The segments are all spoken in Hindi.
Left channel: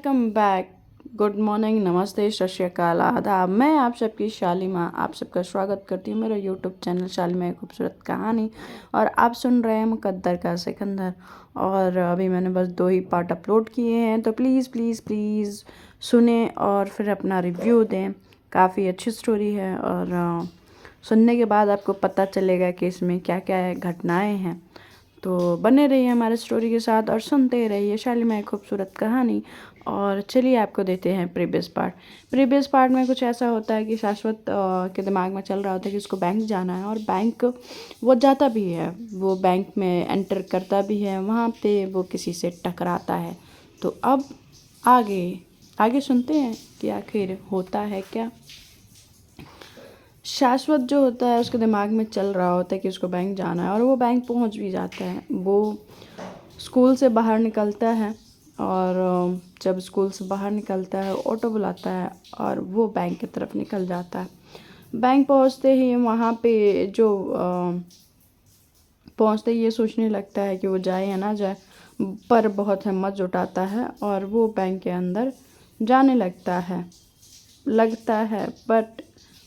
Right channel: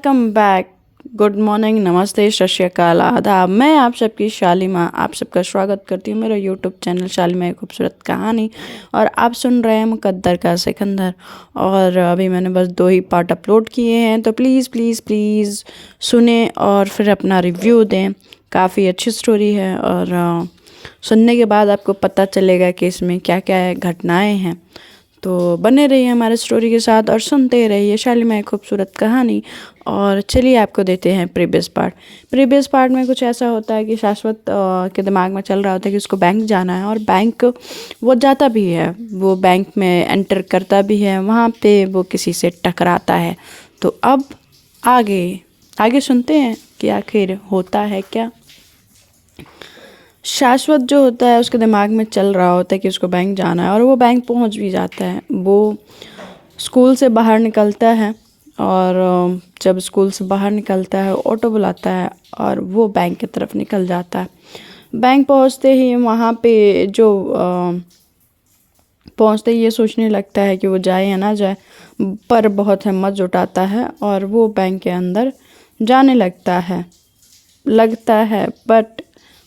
Welcome back. गुड मॉर्निंग, नमस्ते, सत श्री अकाल, आदाब। मैं आप सबकी शालिमा आप सबका स्वागत करती हूँ मेरे यूट्यूब चैनल शालिमा एक खूबसूरत कहानी। और आप सुन रहे हैं मुकद्दर का सिकंदर। और अभी मैंने बस 2 ही पार्ट अपलोड किए हैं, तो प्लीज़ प्लीज़ प्लीज़ सुने और फिर अपना रिव्यू दें। काफ़ी अच्छी स्टोरी है और सुनने के बाद आपको पता चलेगा कि इसमें क्या क्या घटनाएँ हैं। तो बने रहिए हमारे स्टोरी के साथ और सुनते रहिए शालिमा एक खूबसूरत कहानी। और चलिए आपको देते हैं प्रीवियस पार्ट में कुछ ऐसा होता है कि शाश्वत के दिमाग में चल रहा होता है कि उसको बैंक जाना है, और बैंक वो जाता भी है, वो बैंक में एंटर करता भी है। वहाँ पे वो किसी से टकराता है। तो अब आगे आगे सुनते हैं कि आखिर होता है क्या। शाश्वत जो होता है उसके दिमाग में चल रहा होता है कि उसको बैंक जाना है, और वो बैंक पहुंच भी जाता है। वो स्कूल से बाहर निकलता है, और जब स्कूल से बाहर निकलता है ऑटो बुलाता है और वो बैंक की तरफ निकल जाता है। बैंक पहुंचते ही वहाँ पे पहुंचते ही ये सोचने लगता है कि वो जाए या ना जाए, पर बहुत हिम्मत जुटाता है और वो बैंक के अंदर जाने लगता है। बट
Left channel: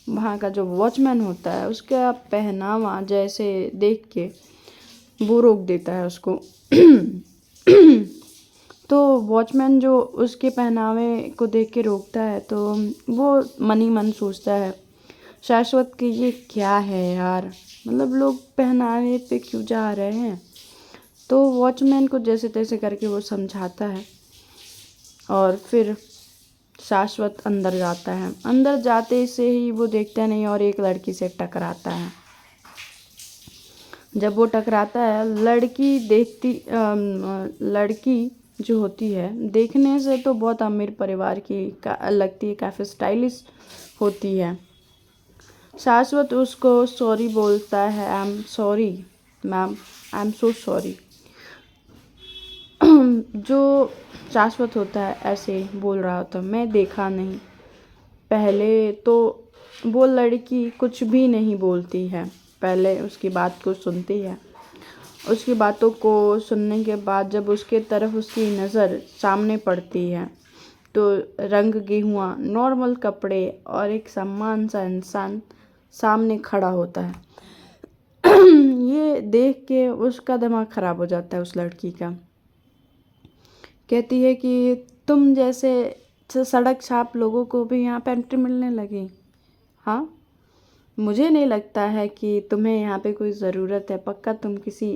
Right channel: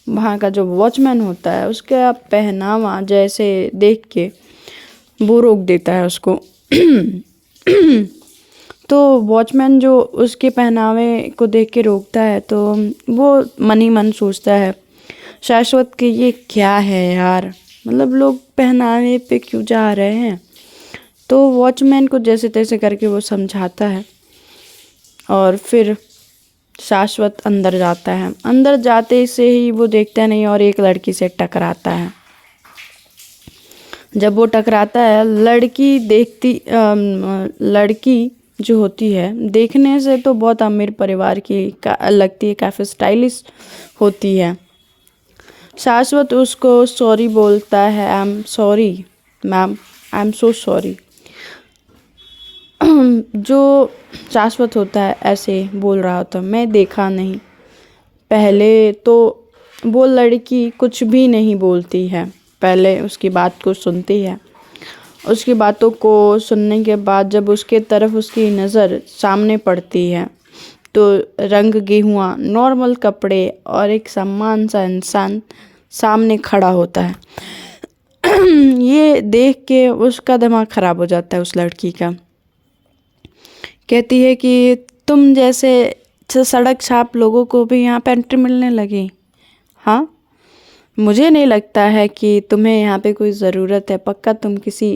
वहाँ का जो वॉचमैन होता है उसका पहनावा जैसे देख के वो रोक देता है उसको। तो वॉचमैन जो उसके पहनावे को देख के रोकता है, तो वो मन ही मन सोचता है शाश्वत कि ये क्या है यार, मतलब लोग पहनावे पे क्यों जा रहे हैं। तो वॉचमैन को जैसे तैसे करके वो समझाता है, और फिर शाश्वत अंदर जाता है। अंदर जाते से ही वो देखता नहीं और एक लड़की से टकराता है। जब वो टकराता है, लड़की जो होती है देखने से तो बहुत अमीर परिवार की लगती है, काफ़ी स्टाइलिश होती है। शाश्वत उसको सॉरी बोलता है, I am sorry ma'am, I am so sorry. जो शाश्वत होता है ऐसे बोल रहा होता है, मैं देखा नहीं। पहले तो वो लड़की कुछ भी नहीं बोलती है, पहले उसकी बात को सुनती है। उसकी बातों को सुनने के बाद जब उसके तरफ उसकी नज़र सामने पड़ती है, तो रंग गेहुआ नॉर्मल कपड़े और एक सम्मान सा इंसान सामने खड़ा होता है। ये देख के उसका दिमाग ख़राब हो जाता है उस लड़की का। कहती है कि तुम जैसे सड़क छाप लोगों को भी यहाँ पे एंट्री मिलने लगी। हाँ, मुझे नहीं लगता है कि तुम्हें यहाँ पे कोई ज़रूरत है। पक्का तुम किसी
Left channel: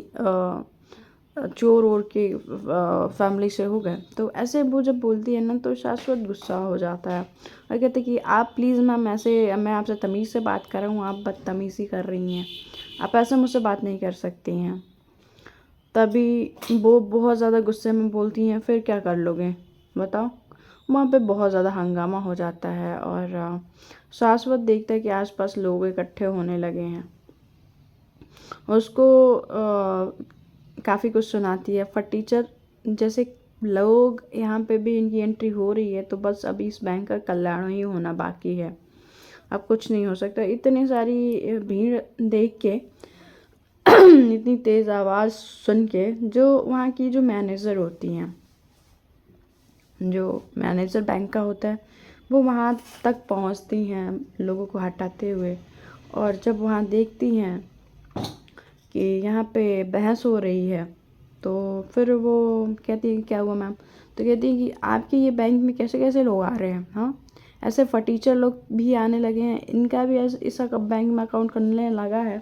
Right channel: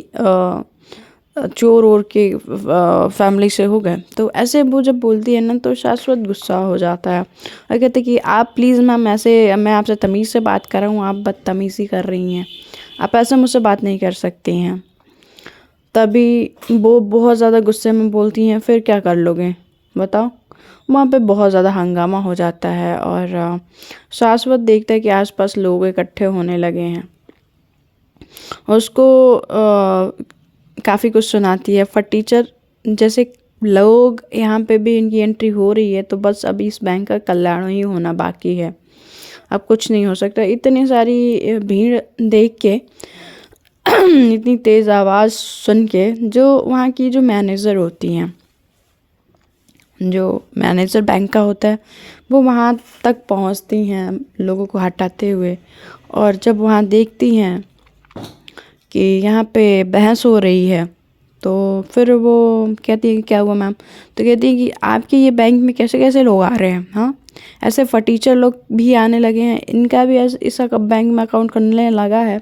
चोर और के फैमिली से हो गए। तो ऐसे वो जब बोलती है ना, तो शाश्वत गुस्सा हो जाता है और कहते कि आप प्लीज़ मैम, ऐसे मैं आपसे तमीज़ से बात कर रहा हूँ, आप बदतमीज़ी कर रही हैं, आप ऐसे मुझसे बात नहीं कर सकती हैं। तभी वो बहुत ज़्यादा गुस्से में बोलती हैं, फिर क्या कर लोगे बताओ। वहाँ पे बहुत ज़्यादा हंगामा हो जाता है, और शाश्वत देखता है कि आसपास लोग इकट्ठे होने लगे हैं। उसको काफ़ी कुछ सुनाती है। फटीचर जैसे लोग यहाँ पे भी इनकी एंट्री हो रही है, तो बस अभी इस बैंक का कल्याण ही होना बाकी है, अब कुछ नहीं हो सकता। इतनी सारी भीड़ देख के इतनी तेज़ आवाज़ सुन के, जो वहाँ की जो मैनेजर होती हैं, जो मैनेजर बैंक का होता है, वो वहाँ तक पहुँचती हैं लोगों को हटाते हुए। और जब वहाँ देखती हैं कि यहाँ पे बहस हो रही है, तो फिर वो कहती है कि क्या हुआ मैम। तो कहती है कि आपके ये बैंक में कैसे कैसे लोग आ रहे हैं, हाँ ऐसे फटीचर लोग भी आने लगे हैं, इनका भी इस बैंक में अकाउंट करने लगा है,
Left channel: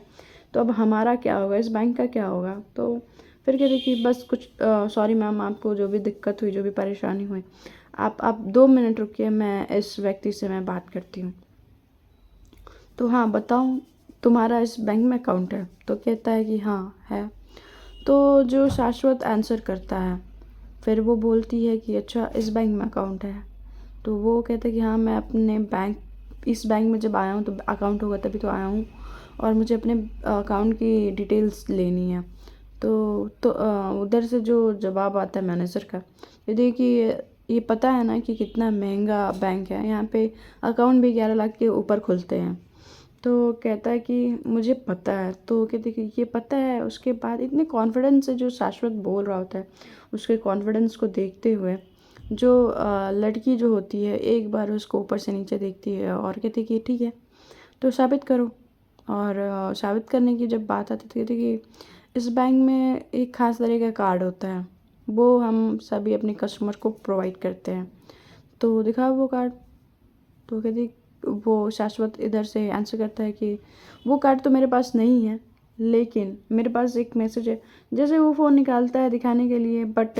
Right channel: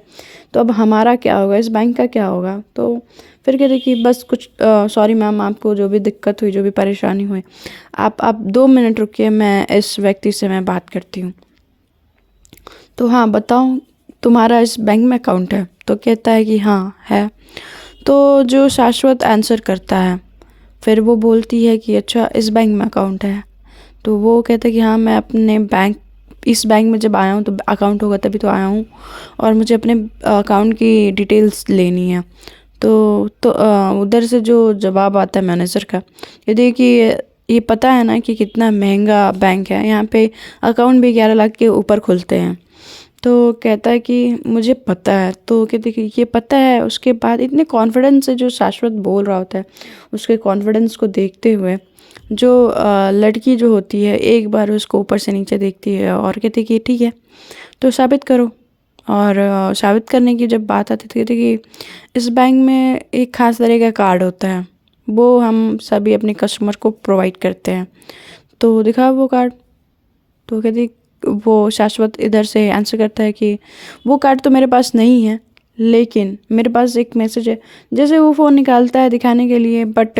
तो अब हमारा क्या होगा, इस बैंक का क्या होगा। तो फिर कहते कि बस कुछ सॉरी मैम, आपको जो भी दिक्कत हुई, जो भी परेशानी हुई, आप 2 मिनट रुकिए, मैं इस व्यक्ति से मैं बात करती हूँ। तो हाँ बताओ, तुम्हारा इस बैंक में अकाउंट है। तो कहता है कि हाँ है। तो जो शाश्वत आंसर करता है, फिर वो बोलती है कि अच्छा इस बैंक में अकाउंट है। तो वो कहता है कि हाँ, मैं अपने इस बैंक में जब आया हूँ तो अकाउंट होगा तभी तो आया हूँ, और मुझे अपने अकाउंट की डिटेल्स लेनी है। तो उधर से जो जवाब आता है मैनेजर का, ये देखिए ये पता है ना कि कितना महंगा बैंक है, यहाँ पे अकाउंट भी 11 लाख के ऊपर खुलते हैं। तो कहता है कि मुझे पता है। तो कहते कि ये पता है। उसके बाद इतने कॉन्फिडेंस से जो शाश्वत बोल रहा होता है, उसके कॉन्फिडेंस को देखते हुए जो लड़की जो होती है एक बार उसको ऊपर से नीचे देखती है और कहती है कि ठीक है तो साबित करो। और साबित करने की जब बात आती थी कहती कि इस बैंक में एक ख़ास तरह का कार्ड होता है, वो हम सभी अपने कस्टमर को प्रोवाइड करते हैं, तो दिखाओ वो कार्ड। तो कहती वो शाश्वत इधर से आंसर करता है कि वो कार्ड तो मेरे पास नहीं है, लेकिन मेरे पास एक मैसेज है। जैसे वो फ़ोन निकालता है दिखाने के लिए, बट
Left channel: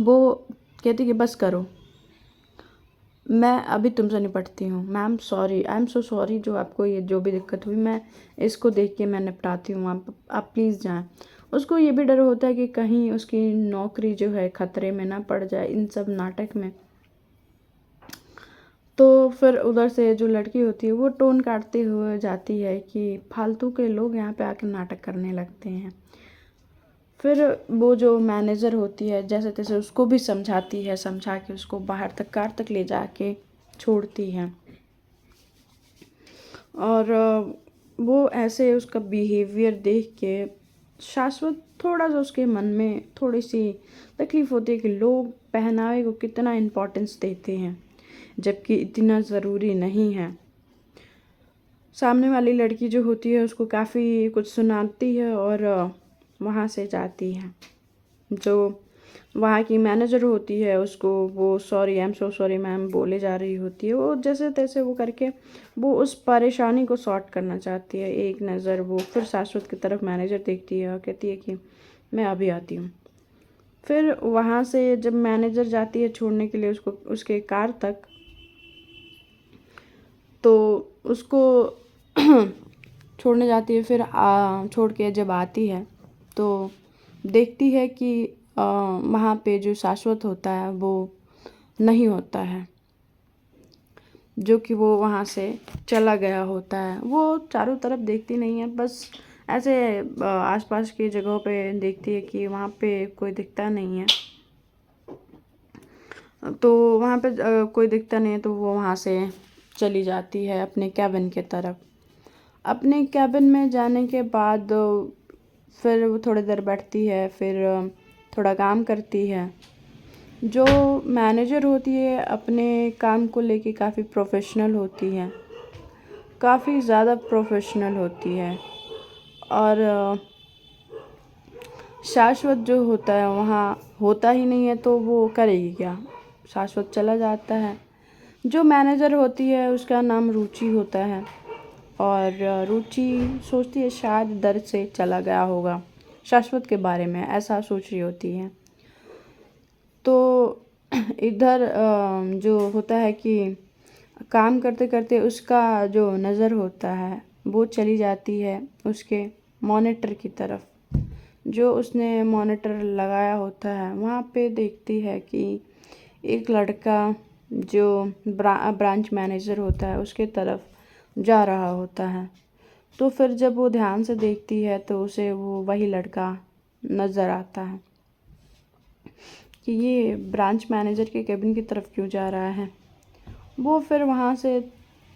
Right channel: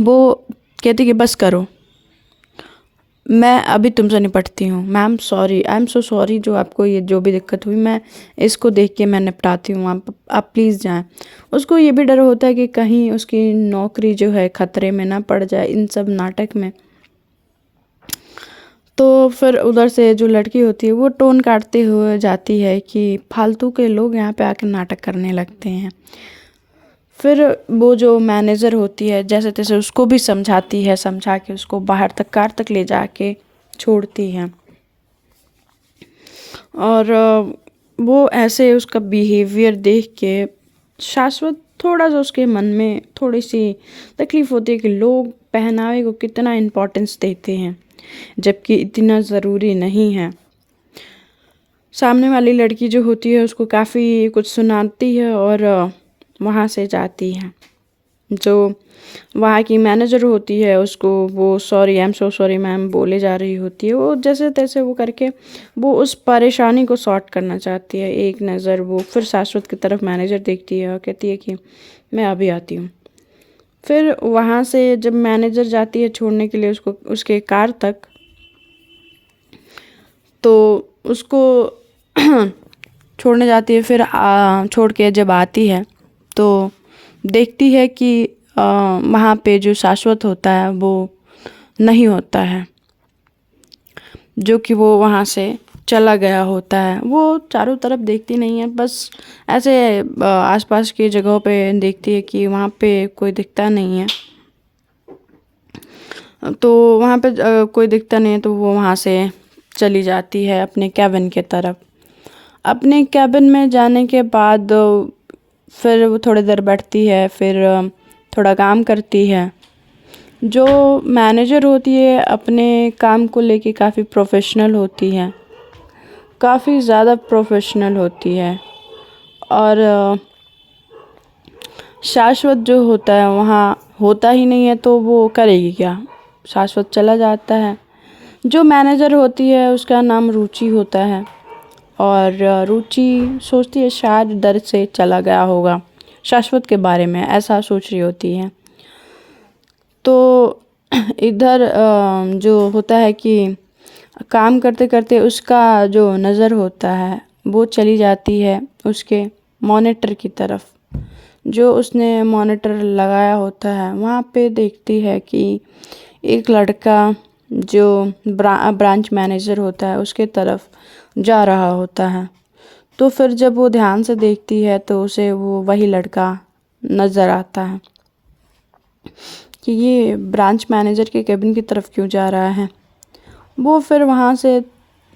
वो कहती कि बस करो, मैं अभी तुमसे निपटती हूँ। Ma'am sorry, I am so sorry, जो आपको ये जो भी दिक्कत हुई मैं इसको देख के मैं निपटाती हूँ, आप प्लीज़ जाएं। उसको ये भी डर होता है कि कहीं उसकी नौकरी जो है ख़तरे में ना पड़ जाए इन सब नाटक में। तो फिर उधर से जो लड़की होती है वो टोन काटते हुए जाती है कि फालतू के लोग यहाँ पे आके नाटक करने लगते हैं। फिर वो जो मैनेजर होती है जैसे तैसे उसको भी समझाती है, समझा के उसको बाहर तक कार तक ले जाके छोड़ती है। और वो ऐसे उसका बिहेवियर देख के शाश्वत थोड़ा सा उसके मन में थोड़ी सी तकलीफ़ होती है कि लोग पहनावे को कितना इम्पोर्टेंस देते हैं जबकि इतना ज़रूरी नहीं है। सामने वाली लड़की जो होती है उसको काफ़ी कुछ सुनाती है और वहाँ से जाती है। जो वहाँ की मैनेजर होती है उसको वो sorry, I am so sorry ma'am बोले जा रही होती है। वो जैसे तैसे वो करके वो उस परेशानी को सॉर्ट करना चाहती है। एक नज़र वो फिर शाश्वत की तरफ मैनेजर देखती है और कहती है कि मैं अभी आती हूँ। फिर वहाँ से जब मैनेजर जाती है छोड़ने के लिए उसको उसके कार तक, तो उसको छोड़ने जाती है। फिर छोड़ के जब आती है तो देखती है कि वहाँ पे जो शाश्वत होता है वो नहीं होता है, जो कि वो वहाँ से चला गया होता है। वो चारों तरफ देखती नहीं है, बस ऐसे आसपास की जगहों पे देखती है कि वहाँ पे कोई दिखता नहीं है। तो वहाँ पे कोई दिखता नहीं है तो वो वहाँ से चली जाती है अपने कैबिन के तरफ। अपने कैबिन में जाने के बाद फिर वो थोड़ी देर बैठती है, फिर थोड़ा काम करती है। जो मैनेजर होती है अपने काम को लेके काफ़ी प्रोफेशनल होती है, काफ़ी ज़्यादा प्रोफेशनल होती है। और शाश्वत जो होता है वहाँ होता ही नहीं है तो वो करेगी क्या। शाश्वत चला जाता है। जो मैनेजर होती है उसका नाम रुचि होता है और रुचि सोचती है शायद डर से चला गया होगा, शाश्वत के बारे में ऐसा सोच रही होती है। तो इधर जो होता है कि काम करते करते उसका जो नज़र होता है वो चली जाती है उसके मॉनिटर की तरफ। जो उसने मॉनिटर लगाया होता है वहाँ पे देखती है कि एक लड़का जो ब्रांच मैनेजर होता है उसके तरफ जा रहा होता है। तो फिर जब वो ध्यान से देखती है तो उसे वो वही लड़का नज़र आता है कि ये ब्रांच मैनेजर के केबिन की तरफ क्यों जा रहा है। वो फिर वहाँ से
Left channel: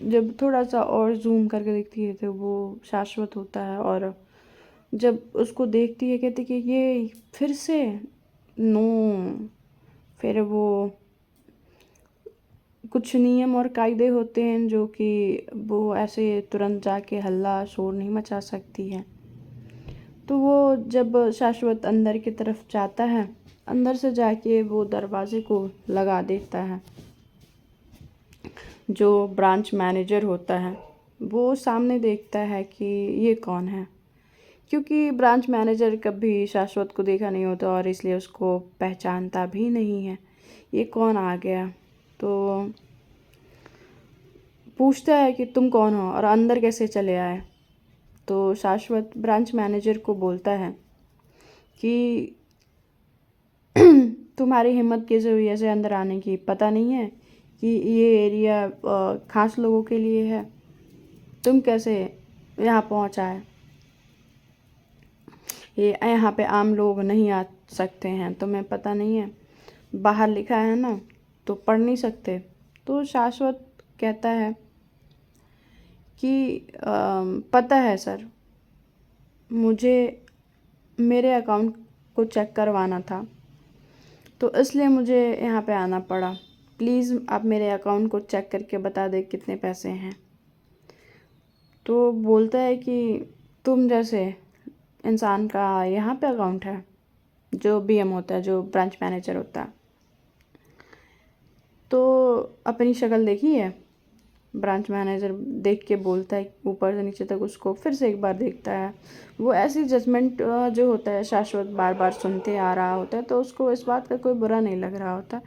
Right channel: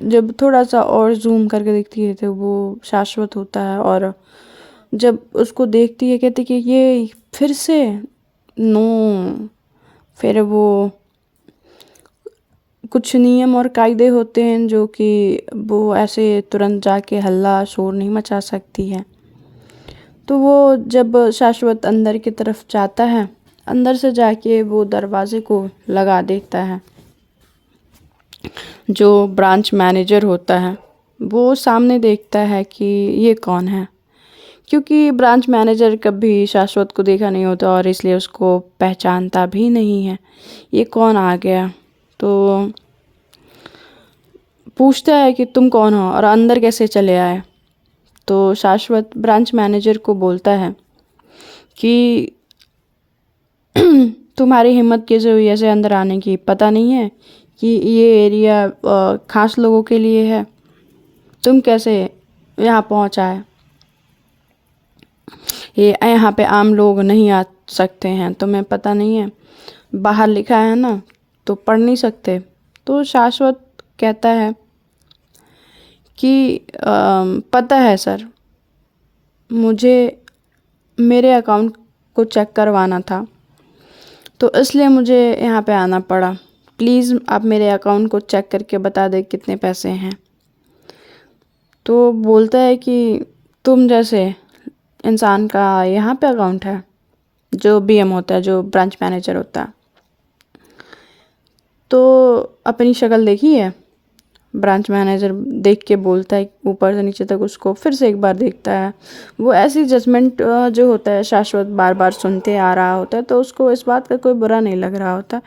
जब थोड़ा सा और जूम करके देखती है तो वो शाश्वत होता है। और जब उसको देखती है कहती कि ये फिर से नो। फिर वो कुछ नियम और कायदे होते हैं जो कि वो ऐसे तुरंत जाके हल्ला शोर नहीं मचा सकती है। तो वो जब शाश्वत अंदर की तरफ जाता है, अंदर से जाके वो दरवाजे को लगा देता है। जो ब्रांच मैनेजर होता है वो सामने देखता है कि ये कौन है, क्योंकि ब्रांच मैनेजर कभी शाश्वत को देखा नहीं होता और इसलिए उसको पहचानता भी नहीं है ये कौन आ गया। तो पूछता है कि तुम कौन हो और अंदर कैसे चले आए। तो शाश्वत ब्रांच मैनेजर को बोलता है कि तुम्हारी हिम्मत कैसे हुई ऐसे अंदर आने की, पता नहीं है कि ये एरिया खास लोगों के लिए है, तुम कैसे यहाँ पहुँचा है। ये यहाँ पे आम लोग नहीं आ सकते हैं, तुम्हें पता नहीं है, बाहर लिखा है ना तो पढ़ नहीं सकते। तो शाश्वत कहता है कि पता है सर, मुझे मेरे अकाउंट को चेक करवाना था तो इसलिए मुझे यहाँ पे आना पड़ा। प्लीज़ आप मेरे अकाउंट को चेक करके बता दें कितने पैसे हैं। तो बोलता है कि तुम जैसे इंसान का यहाँ पे अकाउंट है, जो बीएम होता है, जो ब्रांच मैनेजर होता है। तो अपनी शक्ल देखी है? ब्रांच मैनेजर देख के बोलता है, ऊपर से नीचे तक उसको फिर से एक बार देखता है। वो ऐसी जजमेंट जो होता है शाश्वत बार बार सुनते आ रहा होता है, तो उसको इस बात का कोई बुरा नहीं लग रहा होता।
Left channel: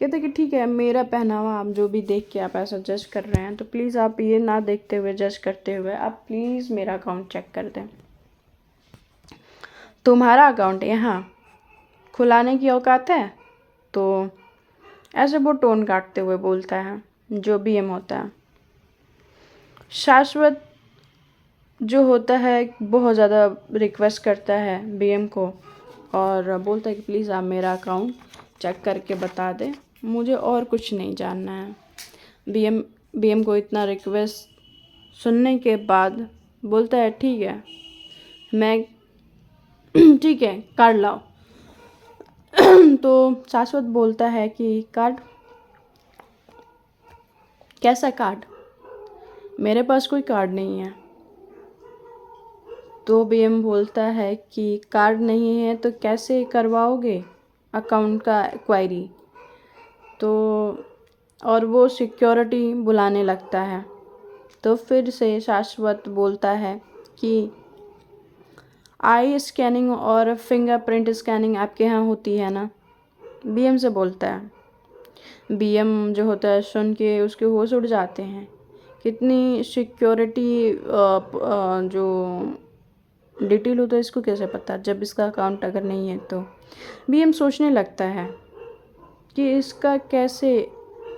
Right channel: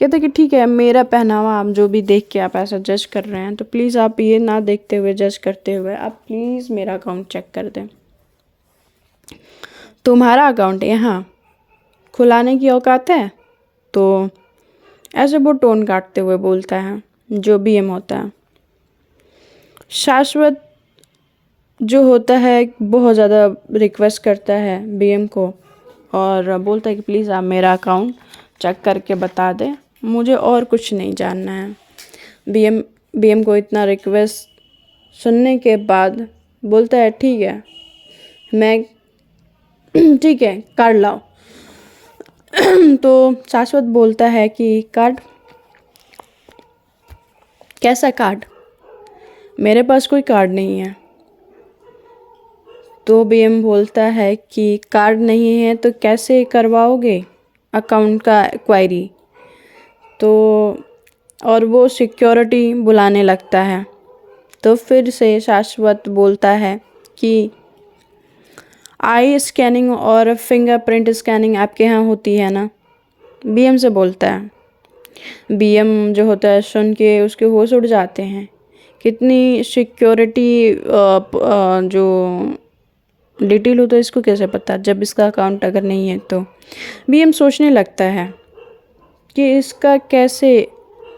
कहता है कि ठीक है, मेरा पहनावा आप जो भी देख के आप ऐसा जज कर रहे हैं, तो प्लीज़ आप ये ना देखते हुए, जज करते हुए, आप प्लीज़ मेरा अकाउंट चेक कर दें। तुम्हारा अकाउंट यहाँ खुलाने की औकात है? तो ऐसे वो टोन काटते हुए बोलता है जो बीएम होता है। शाश्वत जो होता है बहुत ज़्यादा रिक्वेस्ट करता है बीएम को और बोलता है कि प्लीज़ आप मेरा अकाउंट चेक करके बता दें, मुझे और कुछ नहीं जानना है। बीएम को इतना रिक्वेस्ट सुनने के बाद बोलता है ठीक है, मैं ठीक है, कार्ड लाओ। तो शाश्वत बोलता है कि कार्ड? कैसा कार्ड? मेरे पास कोई कार्ड नहीं है। तो बीएम बोलता है कि कार्ड नहीं है तो कैसे करवाओगे अकाउंट का क्वायरी? तो और वो सिक्योरिटी बुलाने लगता है। तो फिर से शाश्वत बोलता है कि आई स्कैनिंग और फिंगरप्रिंट स्कैनिंग आपके यहाँ होती है ना? बीएम से बोलता है। बीएम जो होता है सुन के उसके होश उड़ जाते हैं। कितनी सिक्योरिटी जो डिटेल होता है इसको कैसे पता, जब इसका अकाउंट अगर नहीं है तो। बीएम सोचने लगता है कि इसका कैसे,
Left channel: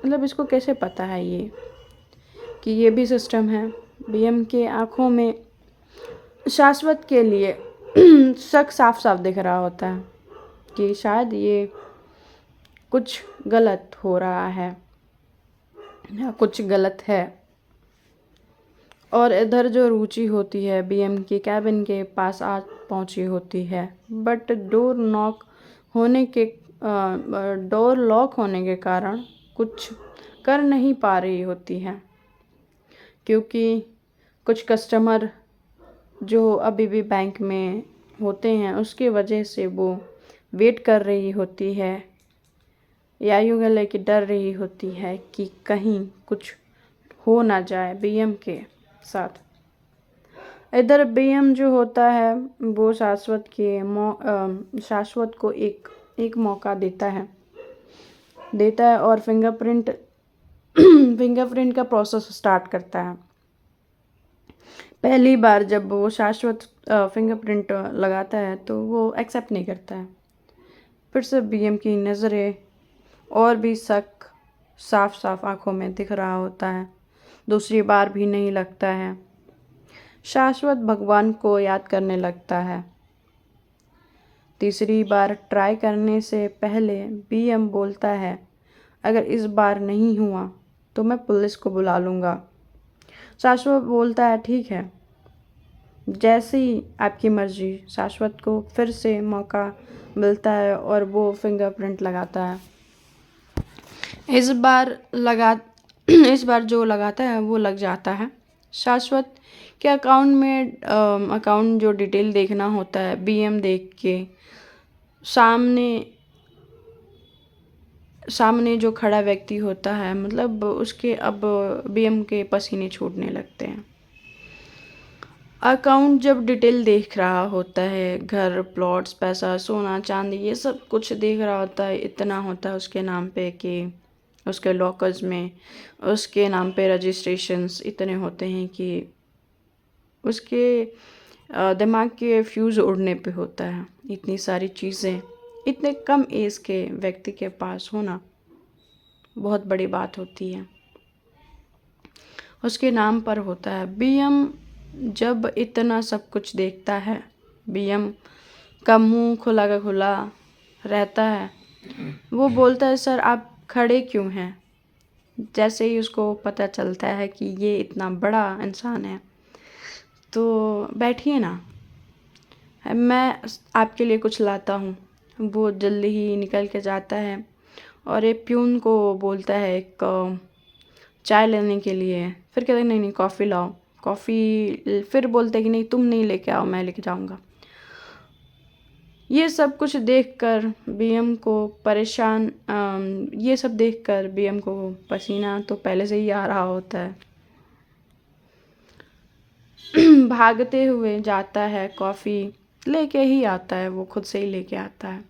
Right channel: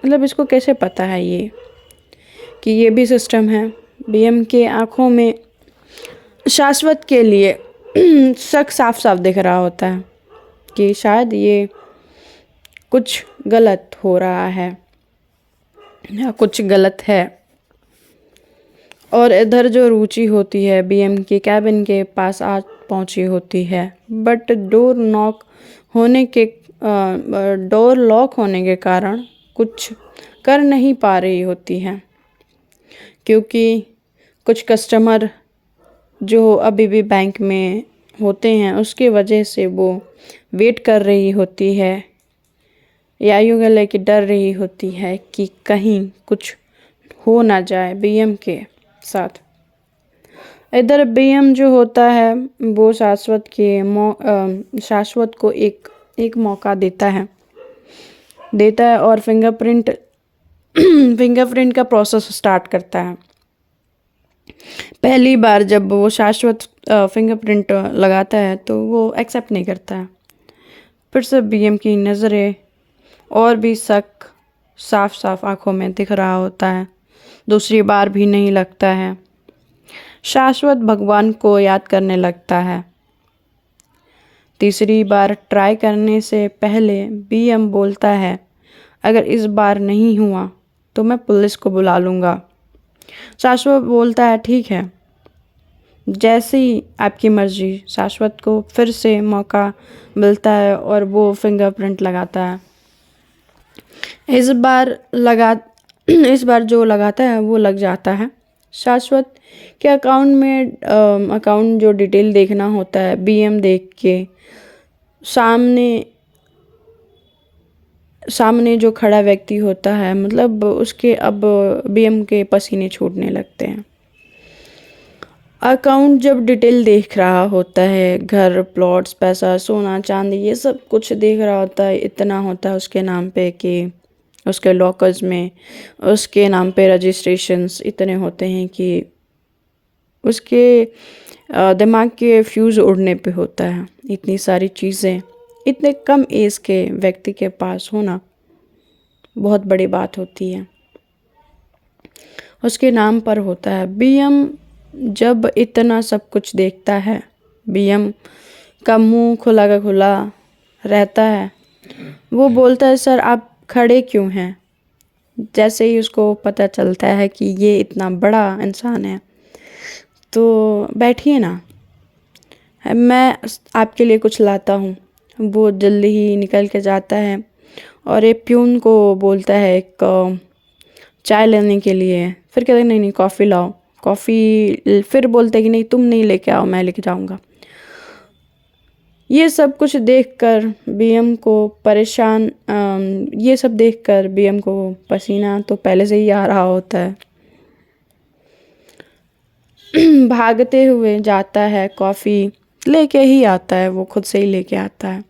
मतलब इसको कैसे पता है ये कि ये भी सिस्टम है। बीएम के आँखों में शाश्वत के लिए शक साफ साफ दिख रहा होता है कि शायद ये कुछ गलत हो रहा है या कुछ गलत है। और इधर जो रुचि होती है बीएम की कैबिन के पास आ पहुंची होती है, बट डोर लॉक होने के कारण कुछ कर नहीं पा रही होती है, क्योंकि कुछ कस्टमर जो अभी भी बैंक में होते हैं उसकी वजह से वो वेट कर रही होती है, या यूँ कह लें कि डर रही होती है कि कहीं कुछ हो ना जाए बीएम के साथ। इधर बीएम जो होता है वो शाश्वत को एक मौका देता है और फिंगरप्रिंट का प्रोसेस स्टार्ट करता है। पहली बार जब वो शाश्वत फिंगरप्रिंट लगाता है तो वो एक्सेप्ट नहीं करता है। फिर से बीएम की नज़रें और भी शक साफ साफ आंखों में दिख रहा होता है। दूसरी बार भी नहीं लगता है। शाश्वत भगवान को याद करने लगता है। तीसरी बार ट्राई करने से पहले बीएम बोलता है, अगर इस बार नहीं हुआ तो मैं पुलिस को बुला लूँगा। शाश्वत बोलता है ठीक है, जैसी आपकी मर्जी। शाश्वत को फिर से मौका मिलता है और वो फिंगरप्रिंट लगाता है। इस बार जो लगाता है वो लग जाता है। शाश्वत के अकाउंट जो डिटेल देखना होता है, बीएम देख के सामने जो खड़ा व्यक्ति होता है, मतलब उसके अब बीएम के पसीने छूटने लगते हैं। अकाउंट जब डिटेल देख रहा होता है, घर, प्लॉट्स, पैसा, सोना, चांदी, ये सब कुछ देख रहा होता है, इतना होता है उसके नाम पे कि उसके लॉकर्स में उसके नाम पे रजिस्ट्रेशंस इतने होते हैं कि उसके दिमाग के फ्यूज़ उड़ने पे होता है। इतनी सारी चीज़ें इतने कम एज के व्यक्ति के पास होना बहुत बड़ी बात होती है। उसके नाम पर होता है। बीएम जब इतना सब कुछ देखता है, बीएम का मुंह खुला का खुला रहता है। वो बोलता है, सर आप खड़े क्यों हैं? जैसे ही उसको पता चलता है कि ये इतना बड़ा इंसान है, तो बैठिए ना, मैं आपके लिए कुछ लाता हूँ। वो जल्दी ही निकल के जाता है और एक प्यून को बोलता है एक चाय लेने के लिए। फिर कहते हैं नहीं नहीं कॉफ़ी लाओ, कॉफ़ी। फिर बोलते हैं कि नहीं तुम नहीं लेके आओ, मैं लेके जाऊँगा। ये सब कुछ देखकर बीएम को ये सब देखकर बीएम को पसीना तो पहले से ही आ रहा होता है। भागते हुए जाता है, कॉफ़ी लेके ही आता है, वो खुद से ही लेके आता है।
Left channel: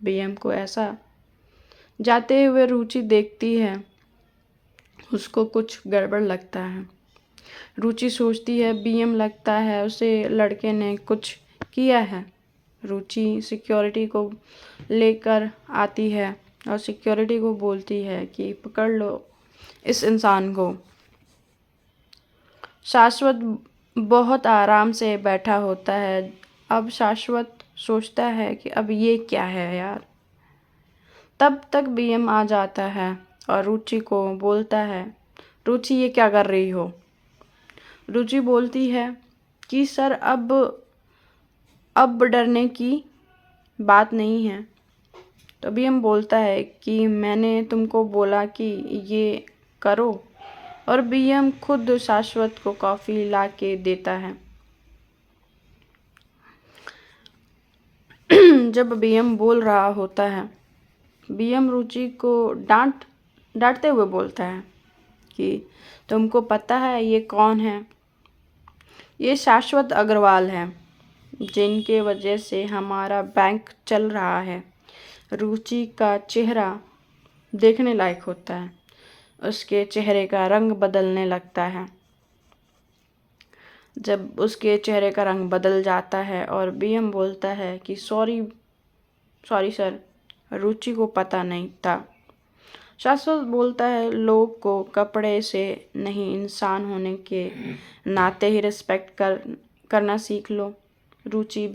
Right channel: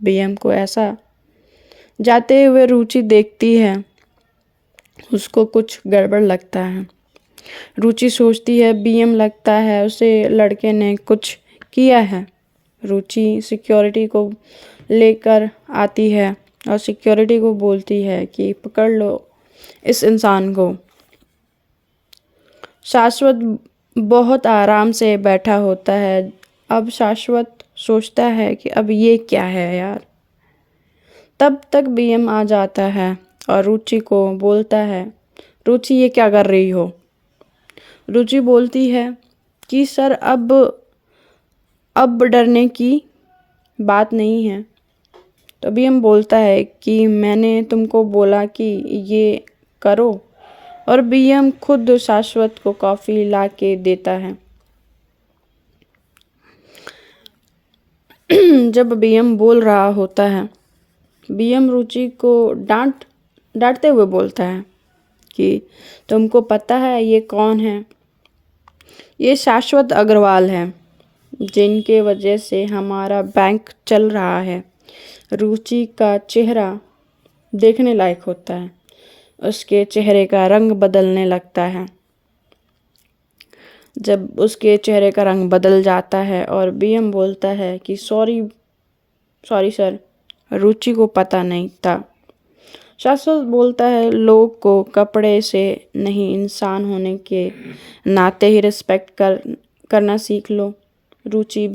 बीएम को ऐसा जाते हुए रुचि देखती है, उसको कुछ गड़बड़ लगता है। रुचि सोचती है बीएम लगता है उसे लड़के ने कुछ किया है। रुचि सिक्योरिटी को लेकर आती है और सिक्योरिटी को बोलती है कि पकड़ लो इस इंसान को। शाश्वत बहुत आराम से बैठा होता है। अब शाश्वत सोचता है कि अब ये क्या है यार। तब तक बीएम आ जाता है और रुचि को बोलता है, रुचि ये क्या कर रही हो। रुचि बोलती है कि सर अब डरने की बात नहीं है। तो बीएम बोलता है कि मैंने तुमको बोला कि ये करो, और बीएम खुद शाश्वत को कॉफ़ी ला के देता है। जब बीएम बोल रहा होता है, बीएम रुचि को डांटते हुए बोलता है कि तुमको पता है ये कौन है। ये शाश्वत अग्रवाल है, जिनके वजह से हमारा बैंक चल रहा है। रुचि का चेहरा देखने लायक होता है, उसके चेहरे का रंग बदलने लगता है। जब उसके चेहरे का रंग बदल जाता है और बीएम बोलता है कि सॉरी सर, रुचि को पता नहीं था। शाश्वत बोलता है लोग को कपड़े से नहीं, इंसान होने के नाते ही रिस्पेक्ट करना सीख लो। रुचि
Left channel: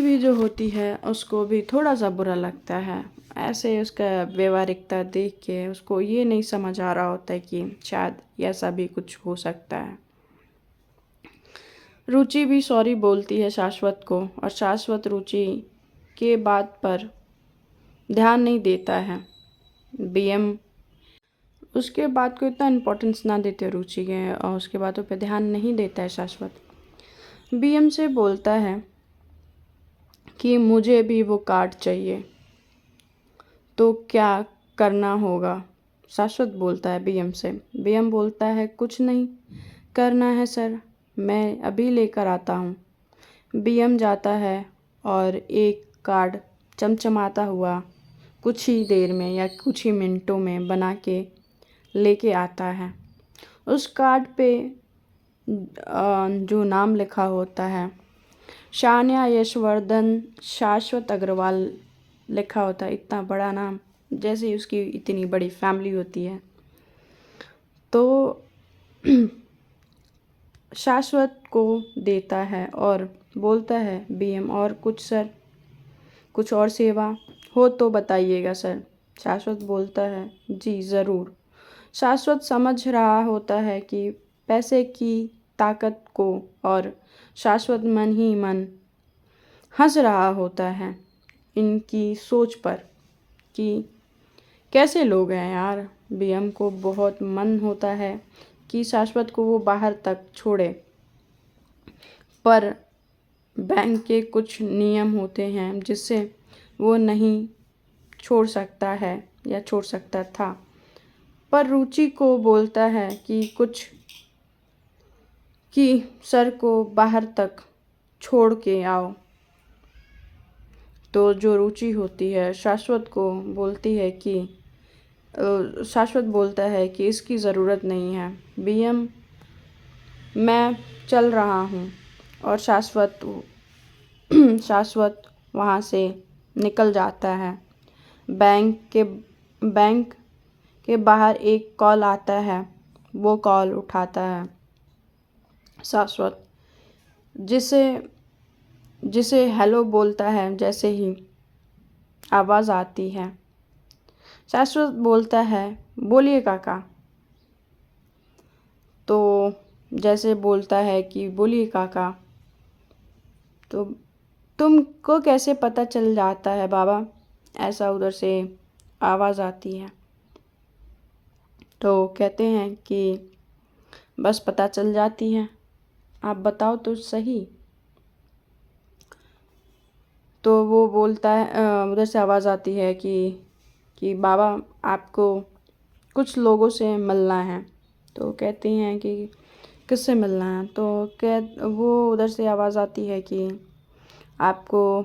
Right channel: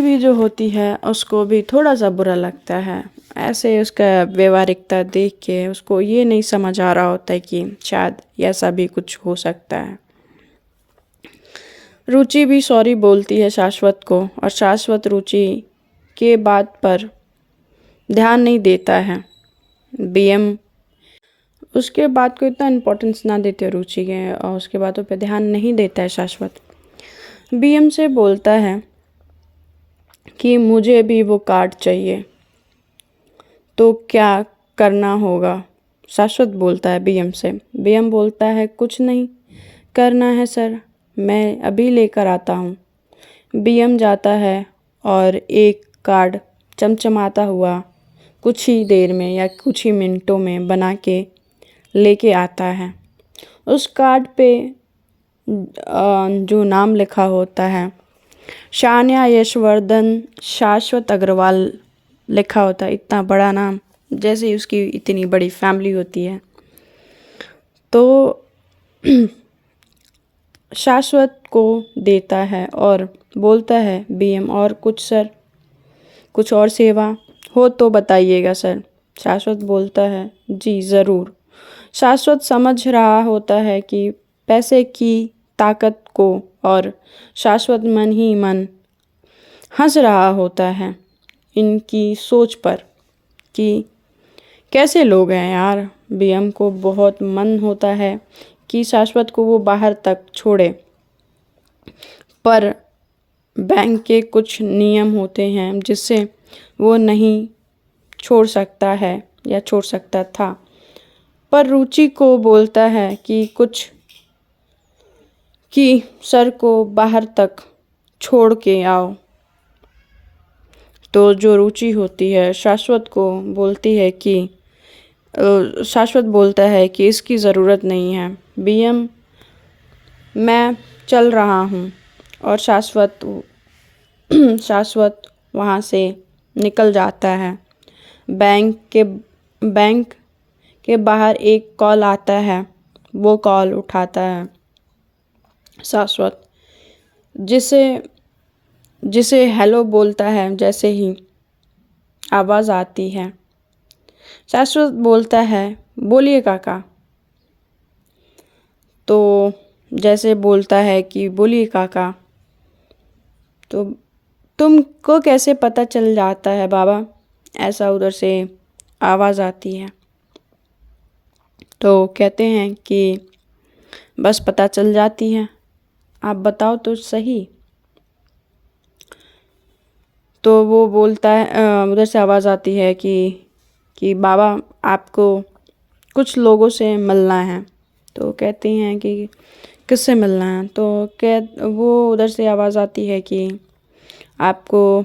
भी जो होती है उसको भी थोड़ा सा बुरा लगता है। ऐसे उसका व्यवहारिकता देख के उसको ये नहीं समझ आ रहा होता है कि शायद ऐसा भी कुछ हो सकता है। रुचि भी सॉरी बोलती है शाश्वत को, और शाश्वत रुचि के बात पर ध्यान नहीं देता है। बीएम उसके बात को इतना इम्पोर्टेंस ना देते रुचि के, और उसके बातों पर ध्यान नहीं देता है शाश्वत। बीएम से बोलता है कि मुझे भी वो कार्ड चाहिए, तो क्या करना होगा। शाश्वत बोलता है बीएम से। बीएम बोलता है कुछ नहीं करना है सर, मैं अभी लेकर आता हूँ। बीएम जाता है और एक कार्ड चमचमाता हुआ कुछ ही देर में या कुछ ही मिनटों में बना के लेके आता है। उस कार्ड पे जो नाम लिखा होता है शान्या यशवर्धन शाश्वत अग्रवाल लिखा होता है। इतना बड़ा नाम, जैसे उसकी इतनी बड़ी फैमिली होती है। तो शाश्वत को देता है और बोलता है बीएम और कुछ सर, कुछ और सेवा हो तो बताइएगा सर। शाश्वत बोलता है जी ज़रूर। शाश्वत समझ रहा होता है कि पैसे की ताकत को, और शाश्वत मन ही मन हंस रहा होता है इनकी सोच पर कि कैसे लोग हैं यार। बीएम को बहुत मन होता है कि शाश्वत को वो बाहर तक छोड़े, पर बैंक के कुछ नियम होते हैं जिससे वो नहीं छोड़ सकता है या छोड़ सकता था। पर रुचि को बोलता है कि सर को बाहर तक छोड़ के आओ। तो जो रुचि होती है शाश्वत को बोलती है कि शाश्वत बोलता है कि इसकी ज़रूरत नहीं है बीएम, मैं चल रहा हूँ। और शाश्वत वहाँ से निकल जाता है। बैंक के बाहर एक कॉल आता है, वो कॉल उठाता है शाश्वत, जिसे हेलो बोलता है। जैसे ही आवाज़ आती है शाश्वत बोलता है बोलिए काका। तो जैसे बोलता है कि बोलिए काका, तुमको कैसे पता चल जाता है बाबा? ऐसा उधर से आवाज़ आती है। तो कहते हैं कि बस पता चल जाती है, आप बताओ तो सही। तो वो बोलता है, उधर से आवाज़ आती है कि बाबा आपको कुछ लोगों से मिलना है। तो कहती हैं कि किससे मिलना है? तो वो उधर से आवाज़ आती है कि आपको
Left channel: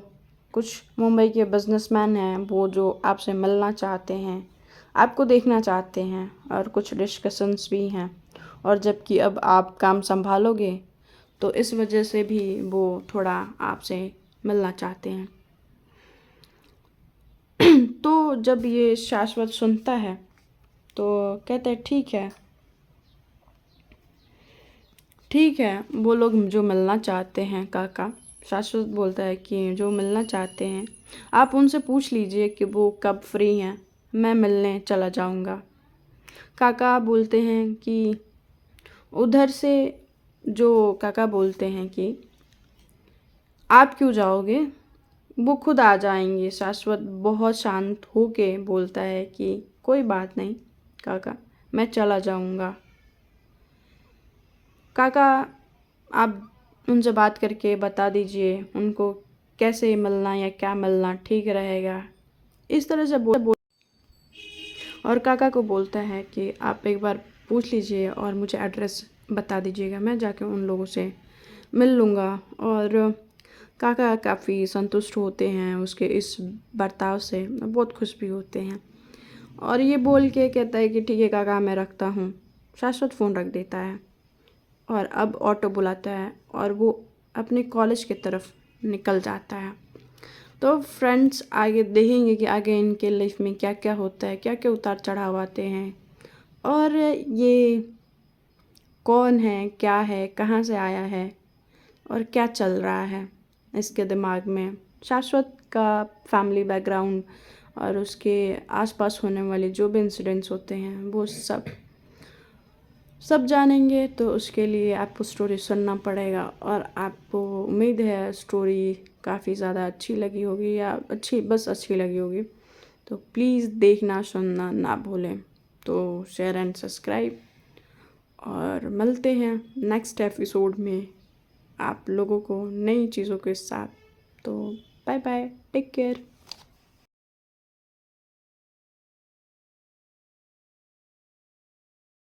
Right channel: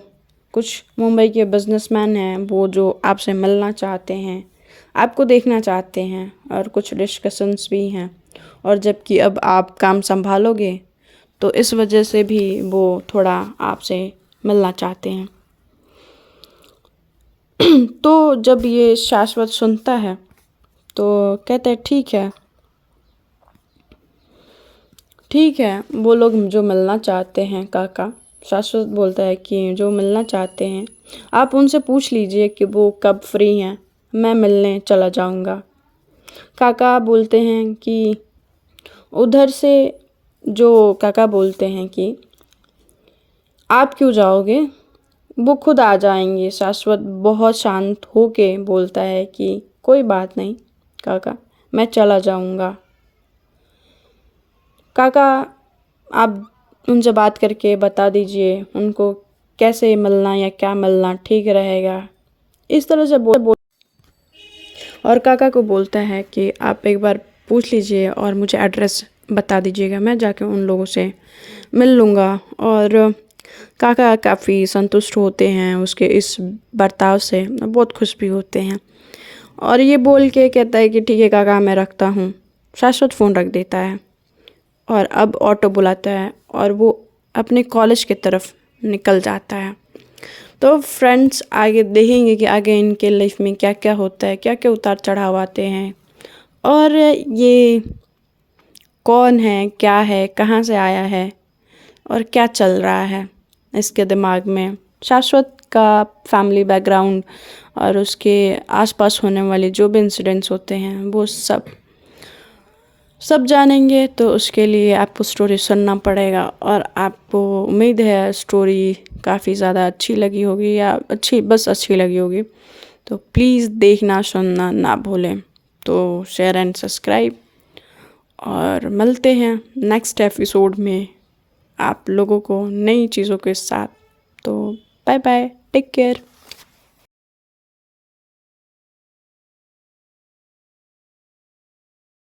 कुछ मुंबई के बिजनेसमैन हैं, वो जो आपसे मिलना चाहते हैं, आपको देखना चाहते हैं, और कुछ डिस्कशंस भी हैं। और जबकि अब आप काम संभालोगे तो इस वजह से भी वो थोड़ा आपसे मिलना चाहते हैं। तो जब ये शाश्वत सुनता है तो कहते हैं ठीक है, वो लोग जो मिलना चाहते हैं काका। शाश्वत बोलता है कि जो मिलना चाहते हैं आप उनसे पूछ लीजिए कि वो कब फ्री हैं, मैं मिलने चला जाऊंगा। काका बोलते हैं कि उधर से जो काका बोलते हैं कि आप क्यों जाओगे, वो खुद आ जाएंगे। शाश्वत बहुत शांत होके बोलता है कि कोई बात नहीं काका, मैं चला जाऊंगा। काका आप उनसे बात करके बता दीजिए उनको कैसे मिलना या क्या मिलना ठीक रहेगा। इस तरह से बोल और काका को बोलता है कि आप एक बार पूछ लीजिए और मुझे एड्रेस बता दीजिएगा, मैं जाके उन लोगों से मिल लूँगा। और काका काफ़ी संतुष्ट होते हैं उसके इस बर्ताव से, बहुत खुश भी होते हैं। और ये बोल के कहता है कि ठीक है काका, मैं रखता हूँ। शाश्वत फ़ोन रख देता है और अब ऑटो बुलाता है और वो अपने कॉलेज की तरफ निकल जाता है। तो फ्रेंड्स, आगे देखेंगे कि आगे इनके लाइफ में क्या क्या होता है, क्या क्या उतार चढ़ाव आते हैं, और ये कौन है, क्या है, कहाँ से आया है, और क्या चल रहा है इसके दिमाग में। शाश्वत का फैमिली बैकग्राउंड और उसके आसपास होने वाले जो भी इंसिडेंट्स होते हैं वो सब जानेंगे। तो उसके लिए आपको स्टोरी सुनना पड़ेगा, और आपको उम्मीद है स्टोरी काफ़ी ज़्यादा अच्छी लगी होगी, या अच्छी लगी होगी। तो प्लीज़ देखना सुनना ना भूलें। तो शेयर एंड सब्सक्राइब, और मिलते हैं नेक्स्ट एपिसोड में आप लोगों को नई चीज़ों के साथ। तो बाय बाय, टेक केयर।